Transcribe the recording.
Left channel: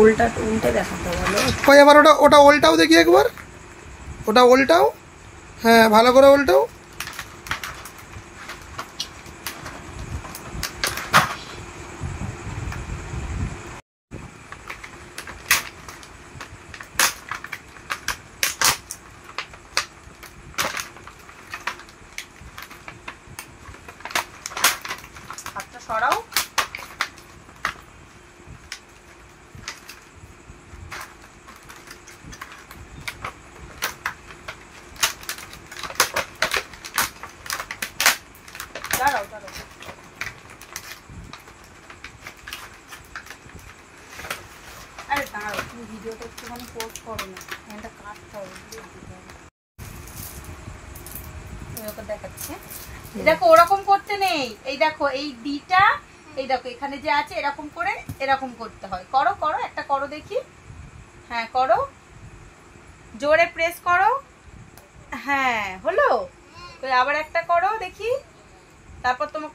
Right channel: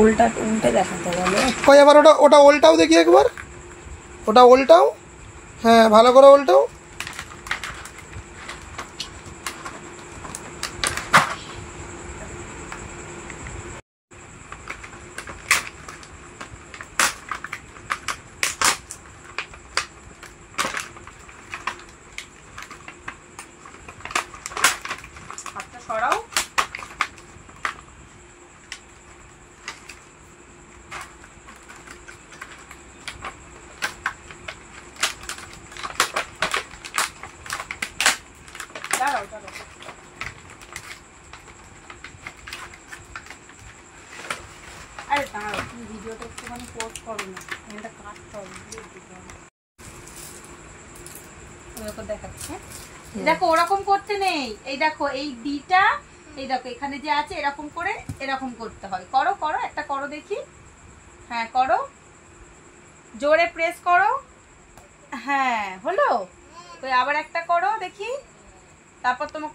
উল্টা উল্টে দেখাতে বলো। কই আবার ওটা ওটা উল্টাও দেখি একবার, ওটা উল্টাও। হ্যাঁ ভালো করে উল্টাও। হাতটা সরাও। দাঁড়াও দাঁড়াও। আরে দাঁড়াও, তুমি ভিডিওটা একটুখানি পোস্ট করো না, এটা কাটতে হবে। দেখাচ্ছে দেখো, ওরকম করতে নেই। এই দেখো এই ডিটা, এই দেখো এখানে যে আছে এরকম করে এরকম করতে হয়। করো করো, একটা করো দেখি। হ্যাঁ করো, জোরে প্রেস করো। হ্যাঁ হলো। ওই আবার একটা করো দেখি, তারপর তোমাকে